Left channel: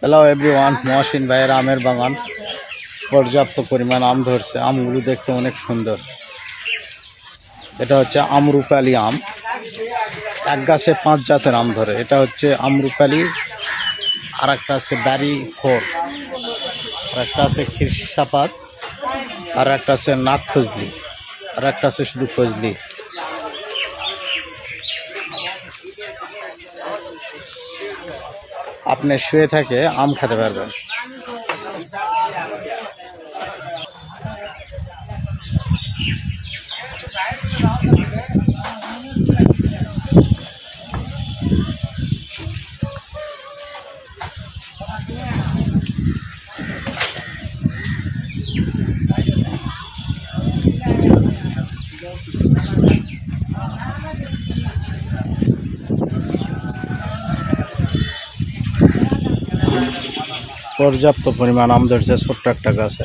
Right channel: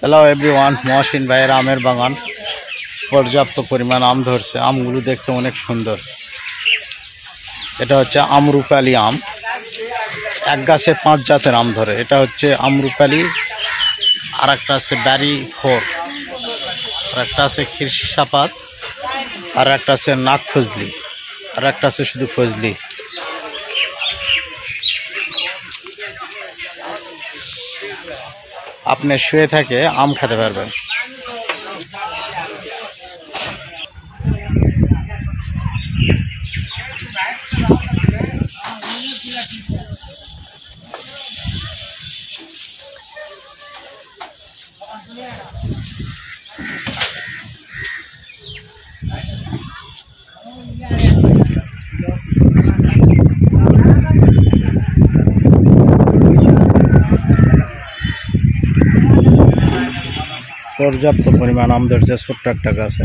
Hello everyone, Mohsin ভাইয়ের আমের বাগান। পর্যাপ্ত পরিমাণ আম ধরছে। আমগুলো দেখতে অনেক সুন্দর। এটা হচ্ছে আমরুপালি আম। এক গাছে 5 জাতের আম ধরে। এটা হচ্ছে আমরুপালি, আর একটা আছে ব্যারি 4, আর একটা আছে খিরসাপাত, আর একটা আছে নাক ফজলি, আর একটা আছে শুধু ফজলি। আপনি শুয়ে থেকে আম খেতে পারবেন। পর্যাপ্ত পরিমাণ আম ধরছে ছোট্ট একটা গাছে।